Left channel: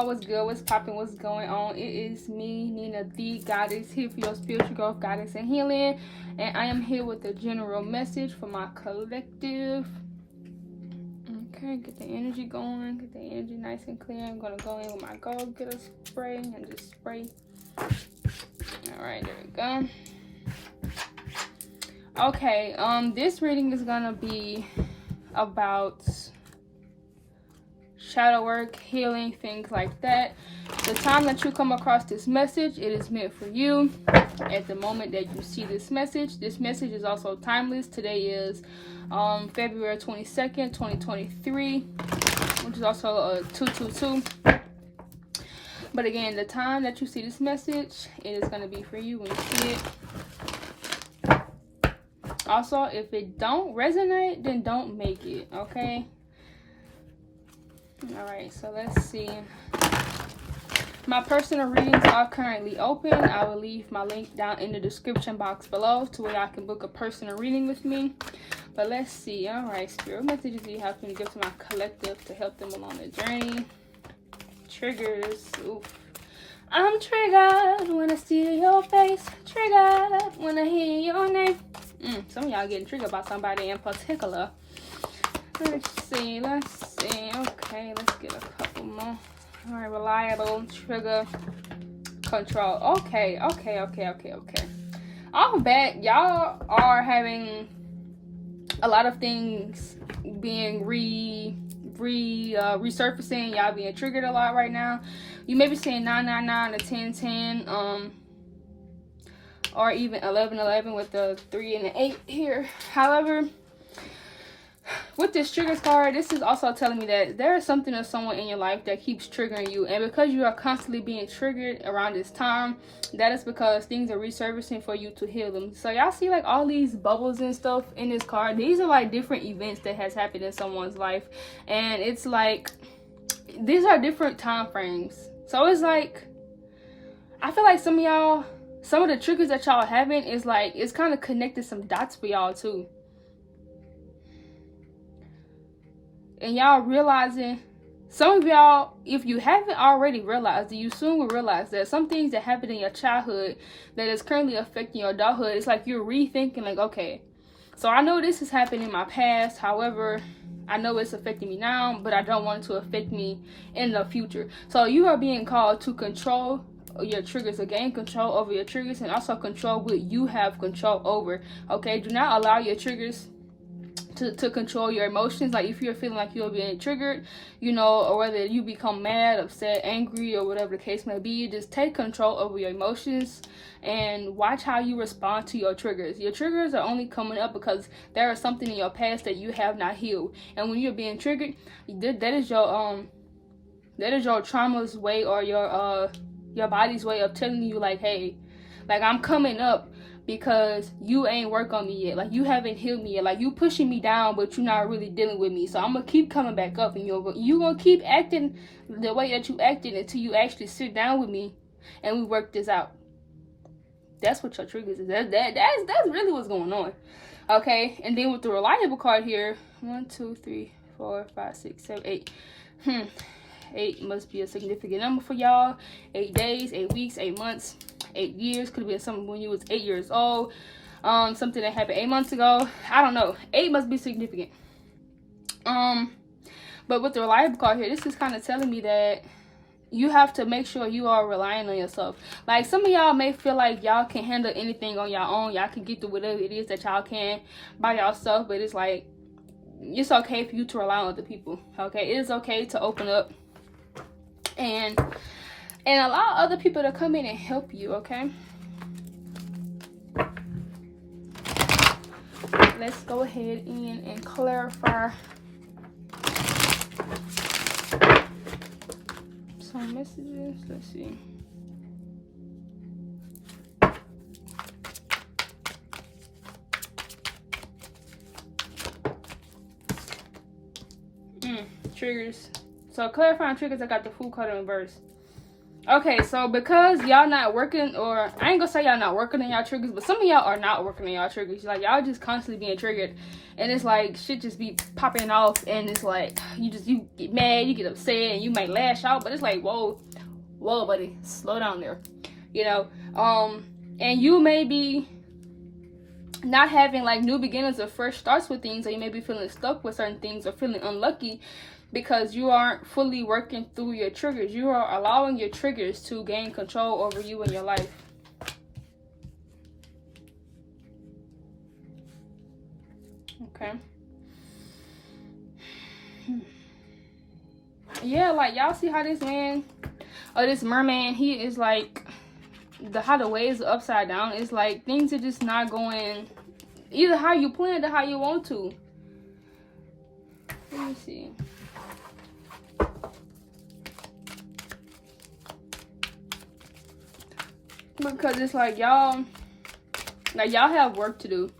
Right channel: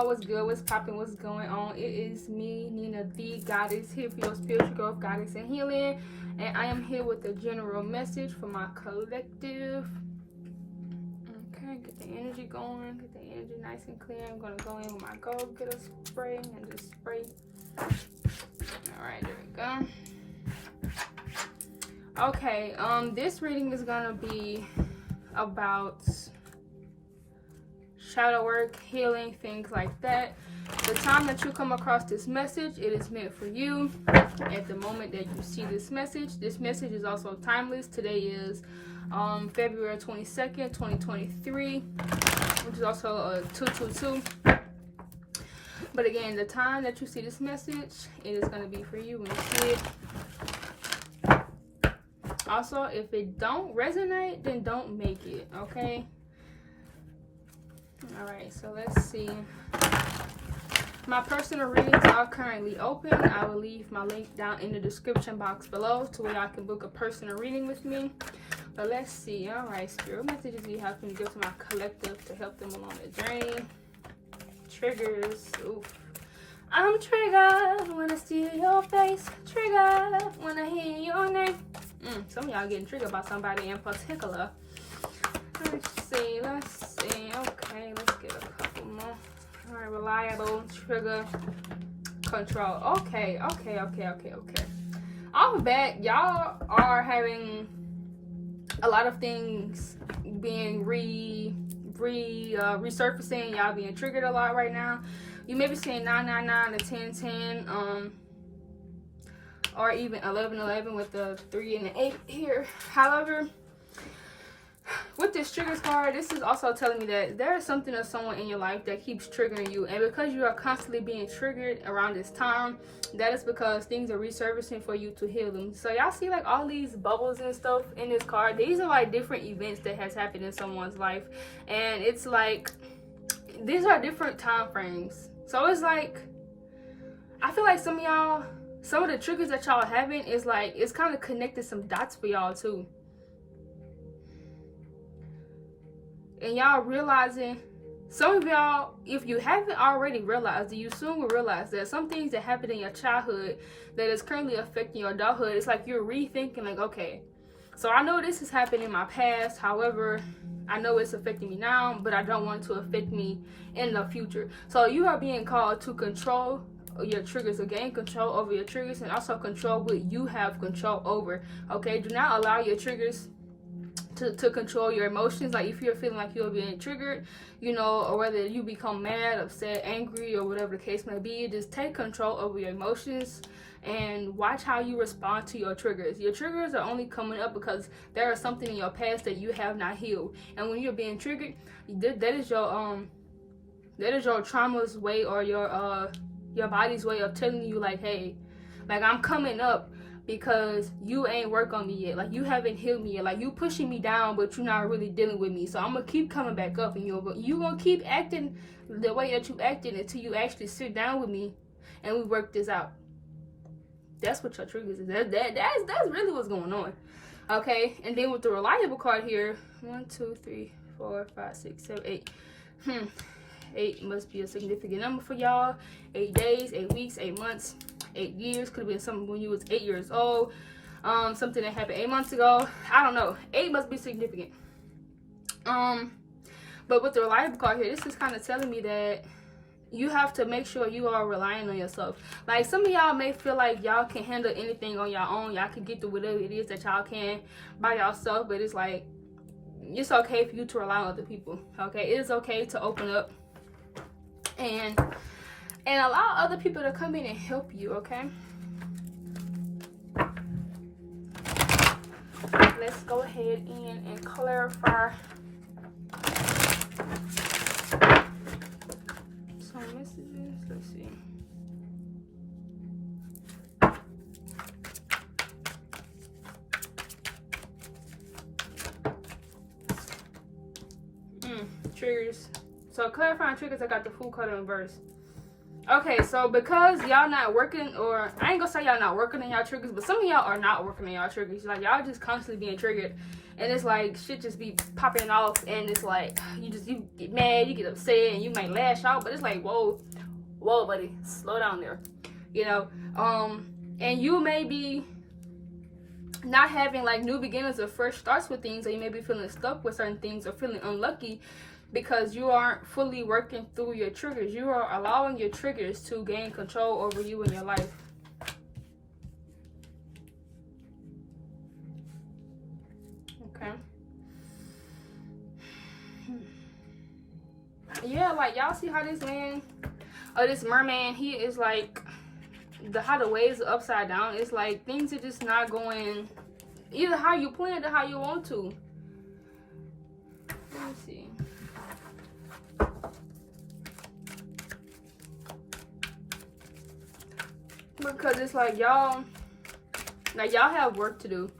y'all? What's good? What's popping? What's going on? It is me, Nina the Goddess, here for your spiritual growth, guidance, and healing. And I am here with a general message for my collective. Okay, get the energy going. Get the energy nice and clear. I'm going to go in with my Go Getter spray and just spray. Alright, there we go. Okay, this reading is going to be about shadow work, healing, things like that. The time that you come across this message, it is meant for you. At the moment that you see this message is also timeless. Today is February 22nd, 2023, which is also a 222. But again, the time that you see this message, it is going to be for you when you see it. Also, if it don't resonate, then don't make it, okay? Alright, so let's see. My personal readings are currently open. I will leave my link down in the description box below to where y'all can book a personal reading with me. But let's see. Alright, spirit messages you have to give to my collective to help them along the journey. Triggers. Oof. I'm triggered when I see your face. Triggered when I hear your name. Some of y'all getting triggered by somebody in particular. Let's see. Okay, let's get a couple more. Alright, reliable, trigger, control. Okay. I'm back. Y'all are having a lot of things being resurfacing. Y'all being triggered a lot right now. You may be seeing 999 to 1010, or even 1111 with the 3 and the 8 here. However, with this triggers card, this is also telling me that there is something or someone in your life that keeps triggering you, and because you are constantly being triggered around this time, that is because things are resurfacing for you to heal them. So y'all see like all these bubbles and stuff in this card. These are like different events that has happened in someone's life, and it's like these are different time frames. So it's like I feel like some of y'all, some of the triggers that y'all having is like it's kind of connected some dots for y'all too. And y'all realizing, some of y'all, if you haven't already realized it, you soon will realize that some things that happened in your childhood that is currently affecting your adulthood, it's like you're rethinking like, okay, so I know this has happened in my past, however, I know it's affecting me now, but I don't want it to affect me in the future. So you are being called to control your triggers, to gain control over your triggers, and also control what you have control over, okay? Do not allow your triggers to control your emotions. Like if you're feeling like you're being triggered, you know, or whether you become mad, upset, angry, or whatever the case may be, just take control over your emotions and watch how you respond to your triggers. Your triggers are only coming up because there is something in your past that you have not healed, and when you're being triggered, that is your trauma's way, or your body's way of telling you like, hey, like I'm coming up because you ain't work on me yet. Like you haven't healed me yet. Like you pushing me down, but you're not really dealing with me. So I'm gonna keep coming back up, and you gonna keep acting the way that you acted until you actually sit down with me and we work this out. That's what your triggers is. That's really what's going on. Okay, and then with the reliable card here, 1, 2, 3, 4, 5, 6, 7, 8. 8 must be a significant number for y'all. 8 days, 8 weeks, 8 months. 8 years, could have been something when you was 8 years old, something that happened 8 months ago. I don't know. 8 must be significant. But with the reliable card here, this is kind of telling me that you have to make sure you are relying on yourself. Like some of y'all may feel like y'all can handle anything on your own. Y'all can get through whatever it is that y'all can by yourself, but it's like it's okay for you to rely on other people. Okay, it is okay to open up and allow other people to come in and help you, okay? Let's go ahead and clarify some messages. Let's see. Triggers. So clarifying triggers, I got the Fool card in reverse. Okay, so because y'all not working, or I ain't gonna say y'all not working on y'all triggers, but some of y'all are not working on y'all triggers. Like, y'all just constantly being triggered, and it's like shit just be popping off, and it's like you get mad, you get upset, and you might lash out, but it's like, whoa, buddy, slow down there, you know. And you may be not having like new beginnings or fresh starts with things, or you may be feeling stuck with certain things or feeling unlucky because you aren't fully working through your triggers. You are allowing your triggers to gain control over you and your life. Okay. Yeah, like y'all see how this man, or this merman, he is like, how the waves are upside down. It's like things are just not going either how you planned or how you want to. Let me see. Because it's like y'all have work to do,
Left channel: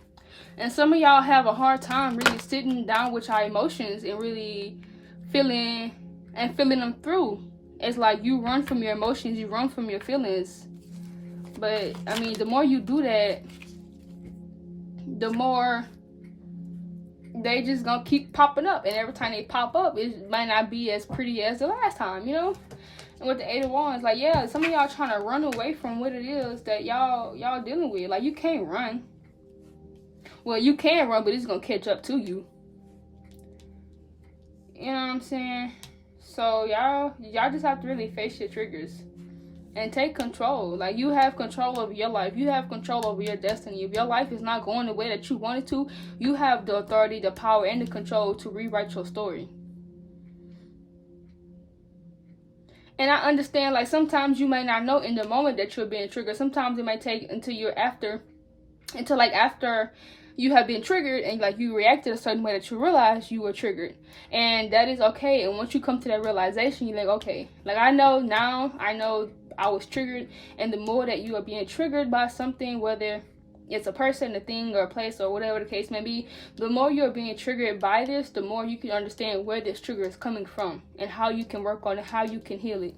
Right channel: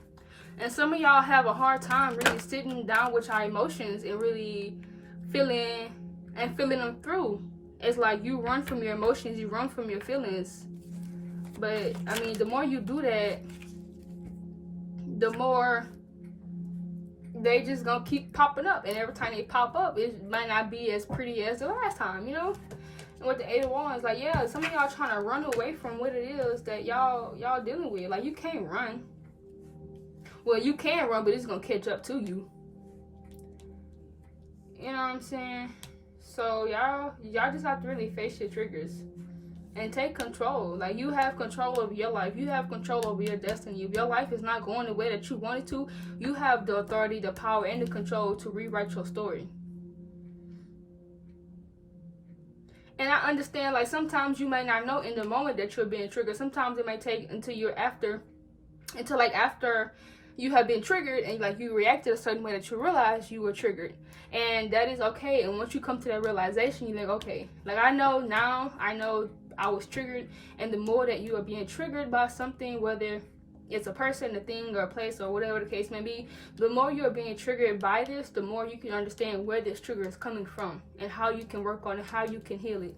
and some of y'all have a hard time really sitting down with your emotions and really feeling them through. It's like you run from your emotions, you run from your feelings, but I mean, the more you do that, the more they just gonna keep popping up, and every time they pop up, it might not be as pretty as the last time, you know. And with the 8 of Wands, like, yeah, some of y'all trying to run away from what it is that y'all dealing with. Like, you can't run. Well, you can run, but it's gonna catch up to you. You know what I'm saying? So y'all just have to really face your triggers and take control. Like, you have control over your life. You have control over your destiny. If your life is not going the way that you want it to, you have the authority, the power, and the control to rewrite your story. And I understand, like, sometimes you may not know in the moment that you're being triggered. Sometimes it might take until after you have been triggered and like you reacted a certain way that you realize you were triggered. And that is okay. And once you come to that realization, you're like, okay, like, I know I was triggered. And the more that you are being triggered by something, whether it's a person, a thing, or a place, or whatever the case may be, the more you're being triggered by this, the more you can understand where this trigger is coming from and how you can work on it, how you can heal it.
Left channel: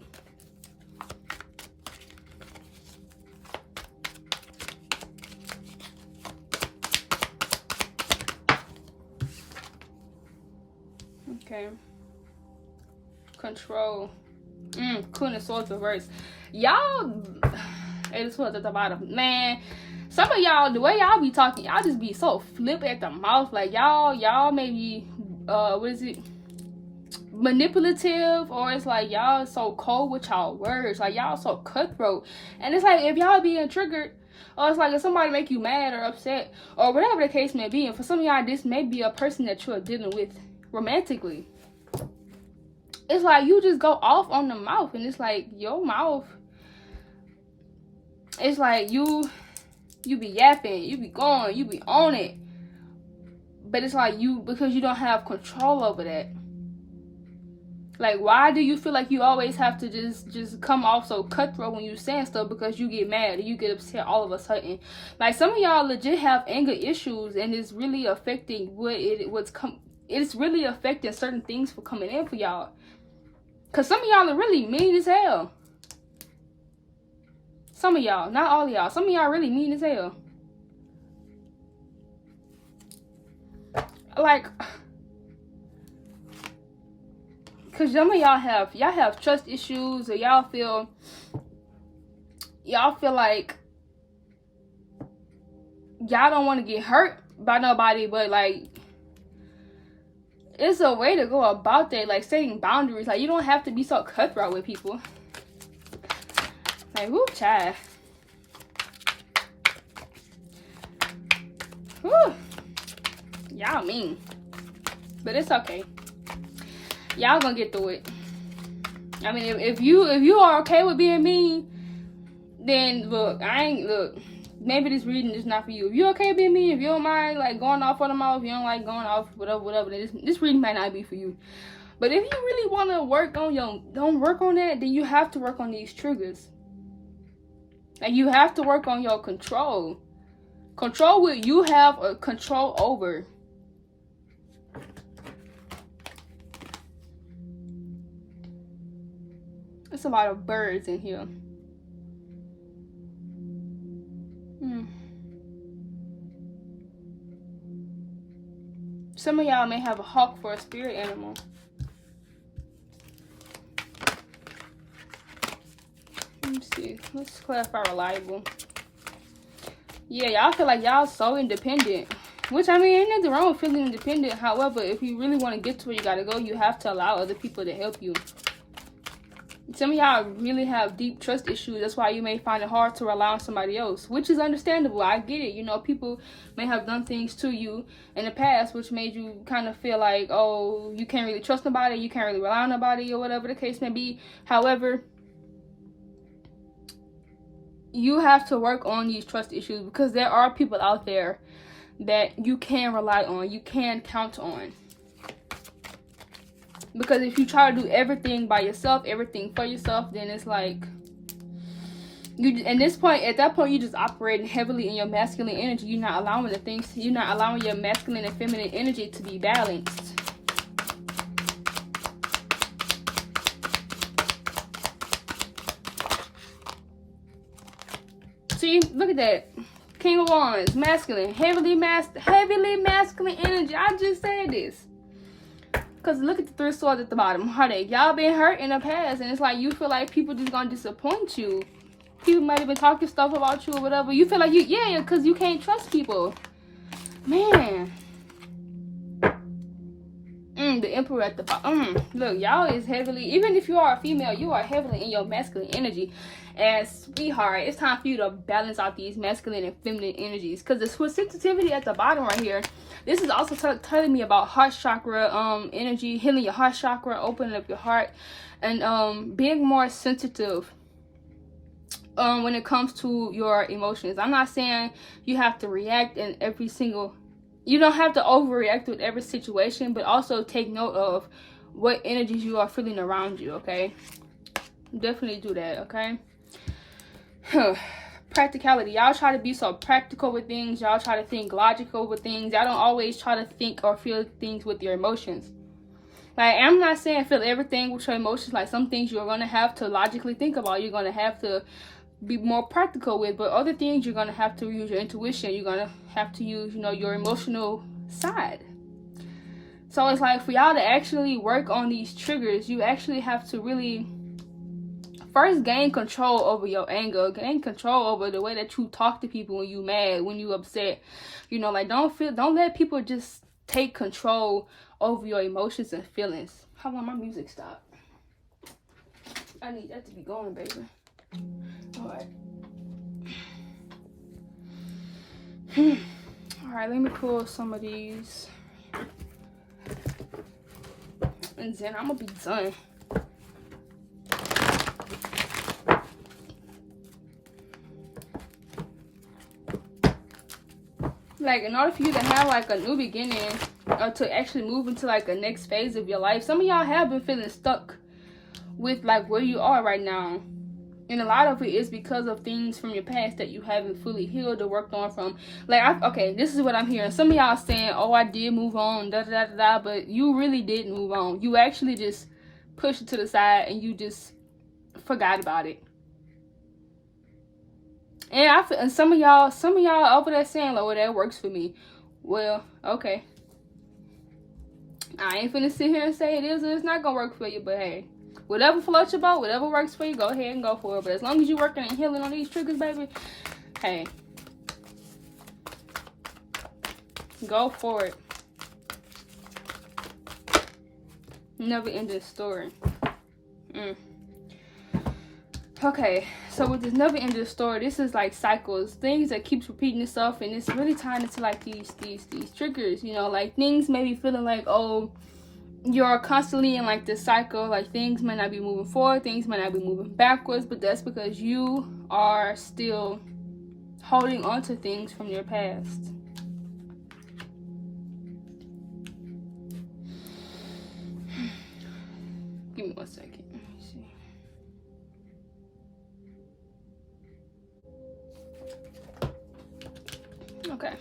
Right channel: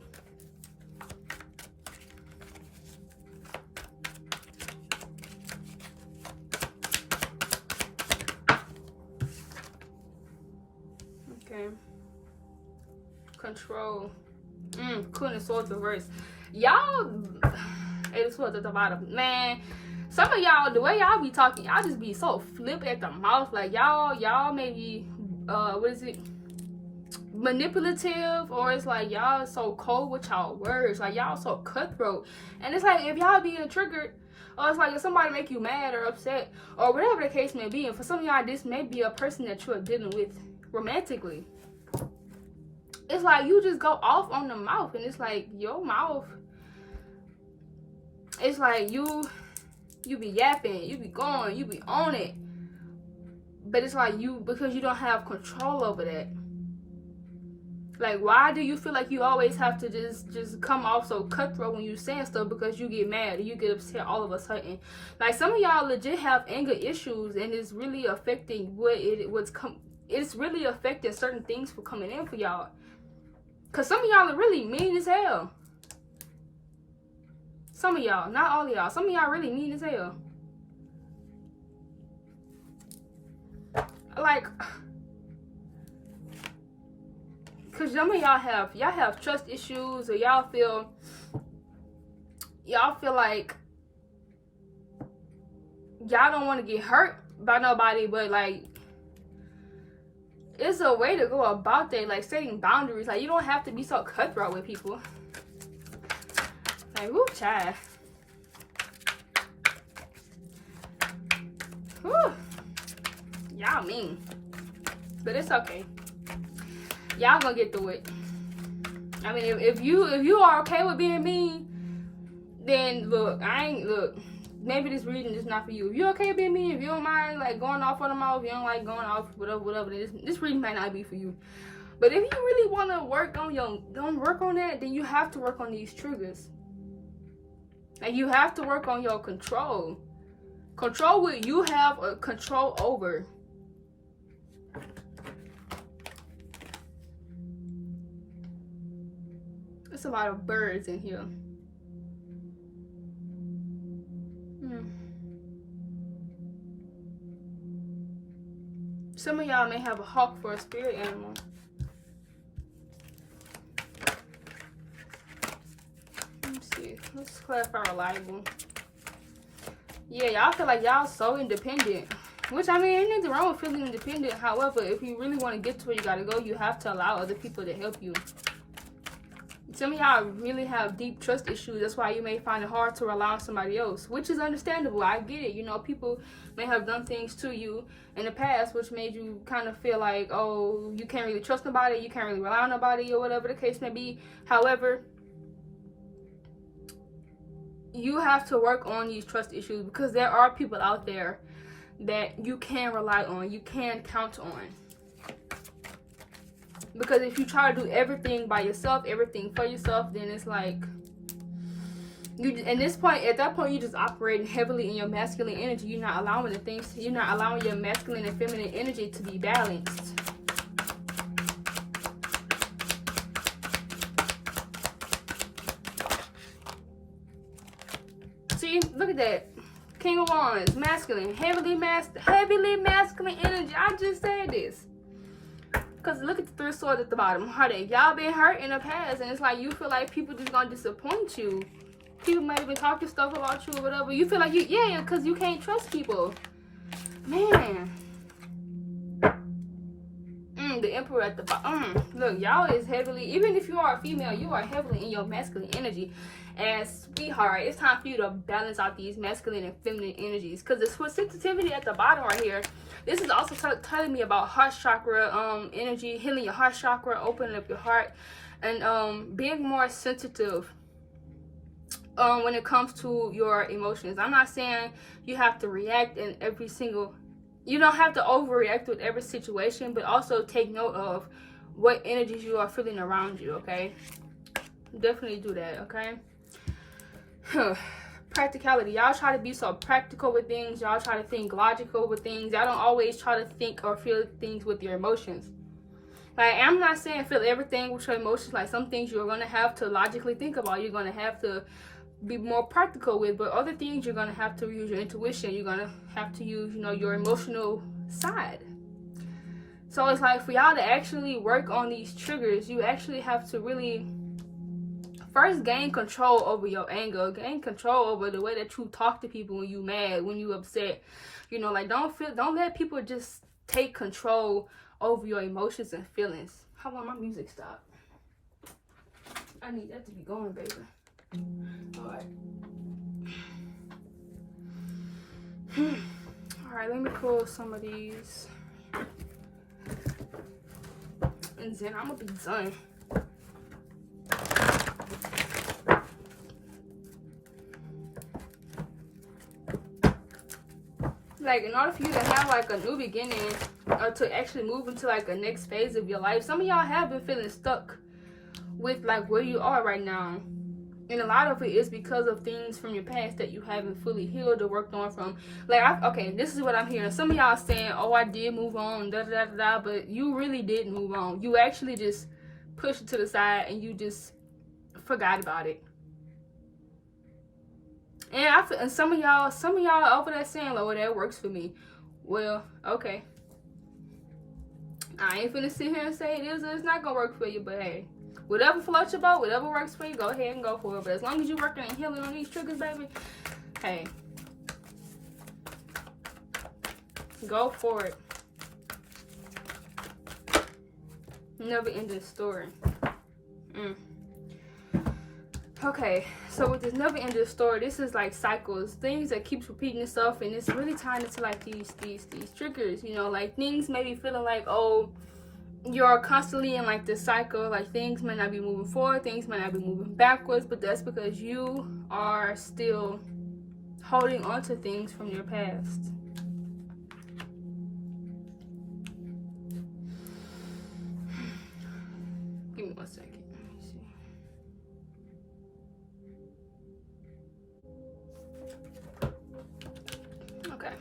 Okay. Control. Queen of Swords reverse. Y'all, it was at the bottom. Man, some of y'all, the way y'all be talking, y'all just be so flip at the mouth. Like, y'all maybe, what is it? Manipulative, or it's like y'all so cold with y'all words. Like, y'all so cutthroat. And it's like, if y'all being triggered, or it's like if somebody make you mad or upset, or whatever the case may be, and for some of y'all, this may be a person that you are dealing with romantically. It's like you just go off on the mouth, and it's like your mouth, it's like you be yapping, you be going, you be on it, but it's like because you don't have control over that. Like, why do you feel like you always have to just come off so cutthroat when you saying stuff? Because you get mad or you get upset all of a sudden. Like, some of y'all legit have anger issues, and it's really affecting it's really affecting certain things for coming in for y'all. Because some of y'all are really mean as hell. Some of y'all, not all of y'all. Some of y'all really mean as hell. Like, because some of y'all have trust issues, or y'all feel like y'all don't want to get hurt by nobody, but like, it's a way to go about that, like setting boundaries. Like, you don't have to be so cutthroat with people. Like, whoo, child. Whoo. Y'all mean. But it's okay. Y'all gonna get through it. I mean, if you are okay with being mean, then look, maybe this reading is not for you. If you're okay being mean, if you don't mind like going off on them all, if you don't like going off, whatever, this reading might not be for you. But if you really want to work on that, then you have to work on these triggers. And you have to work on your control. Control what you have a control over. It's a lot of birds in here. Some of y'all may have a hawk for a spirit animal. Let me see. Let's clarify reliable. Yeah, y'all feel like y'all so independent. Which, I mean, ain't nothing wrong with feeling independent. However, if you really want to get to where you gotta go, you have to allow other people to help you. Some of y'all really have deep trust issues. That's why you may find it hard to rely on somebody else, which is understandable. I get it. You know, people may have done things to you in the past which made you kind of feel like, oh, you can't really trust nobody, you can't really rely on nobody, or whatever the case may be. However, you have to work on these trust issues, because there are people out there that you can rely on, you can count on. Because if you try to do everything by yourself, everything for yourself, then it's like you. At that point, you're just operating heavily in your masculine energy. You're not allowing you're not allowing your masculine and feminine energy to be balanced. See, look at that. King of Wands, masculine, heavily masculine energy. I just said this. Because look at the Three of Swords at the bottom. Heartache. Y'all been hurt in the past, and it's like you feel like people just gonna disappoint you. People might even talking stuff about you or whatever. You feel like because you can't trust people. Man. The Emperor at the bottom. Look, y'all is heavily, even if you are a female, you are heavily in your masculine energy. And sweetheart, it's time for you to balance out these masculine and feminine energies. Because the sensitivity at the bottom right here, this is also telling me about heart chakra energy, healing your heart chakra, opening up your heart, and being more sensitive when it comes to your emotions. I'm not saying you have to react in every single, you don't have to overreact with every situation, but also take note of what energies you are feeling around you, okay? Definitely do that, okay? Practicality. Y'all try to be so practical with things. Y'all try to think logical with things. Y'all don't always try to think or feel things with your emotions. Like, I'm not saying feel everything with your emotions. Like, some things you're going to have to logically think about. You're going to have to be more practical with. But other things, you're going to have to use your intuition. You're going to have to use, your emotional side. So it's like, for y'all to actually work on these triggers, you actually have to really first gain control over your anger, gain control over the way that you talk to people when you mad, when you upset. Like, don't let people just take control over your emotions and feelings. How long my music stopped? I need that to be going, baby. Alright. Alright, let me pull some of these. And then I'm gonna be done. Like, in order for you to have like a new beginning, or to actually move into like a next phase of your life, some of y'all have been feeling stuck with like where you are right now, and a lot of it is because of things from your past that you haven't fully healed or worked on from. Like, okay, this is what I'm hearing. Some of y'all saying, oh, I did move on, da da da da, but you really didn't move on. You actually just pushed it to the side and you just forgot about it. And some of y'all over there saying, "Oh, that works for me." Well, okay. I ain't finna sit here and say it is or it's not gonna work for you, but hey, whatever floats your boat, whatever works for you, go ahead and go for it. But as long as you're working and healing on these triggers, baby, hey, go for it. Never ending story. Okay, so with this never ending story, this is like cycles, things that keeps repeating itself, and it's really tying into like these triggers, like things may be feeling like, oh, you're constantly in like this cycle, like things may not be moving forward, things may not be moving backwards, but that's because you are still holding on to things from your past. Give me 1 second. Okay,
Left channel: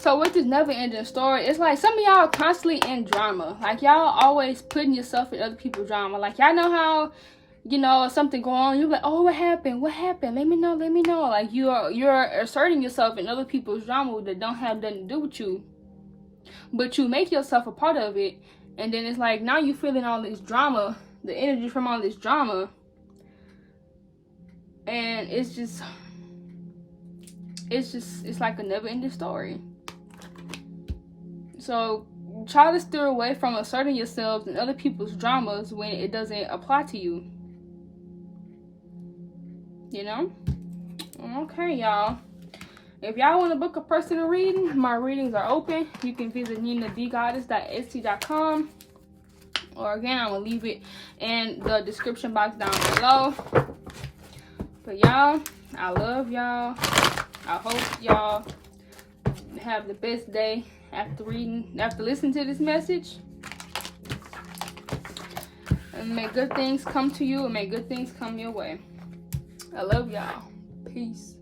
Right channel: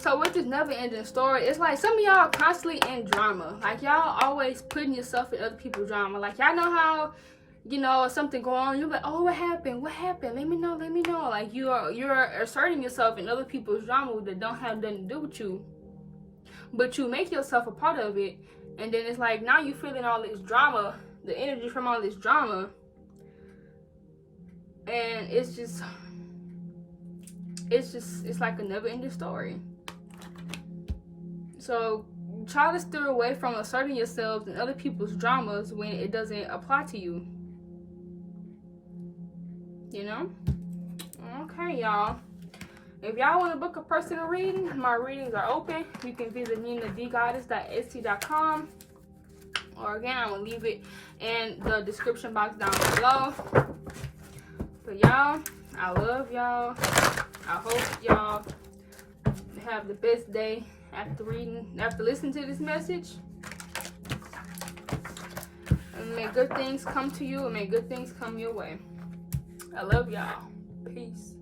so with this never ending story, it's like some of y'all are constantly in drama. Like, y'all always putting yourself in other people's drama. Like, y'all know how you know, something going on, you're like, oh, what happened? What happened? Let me know. Let me know. Like, you're asserting yourself in other people's drama that don't have nothing to do with you, but you make yourself a part of it, and then it's like now you're feeling all this drama, the energy from all this drama, and it's like a never-ending story. So try to steer away from asserting yourselves in other people's dramas when it doesn't apply to you. You know? Okay, y'all. If y'all want to book a personal reading, my readings are open. You can visit ninadgoddess.etsy.com. Or again, I will leave it in the description box down below. But y'all, I love y'all. I hope y'all have the best day after listening to this message. And may good things come to you, and may good things come your way. I love y'all. Peace.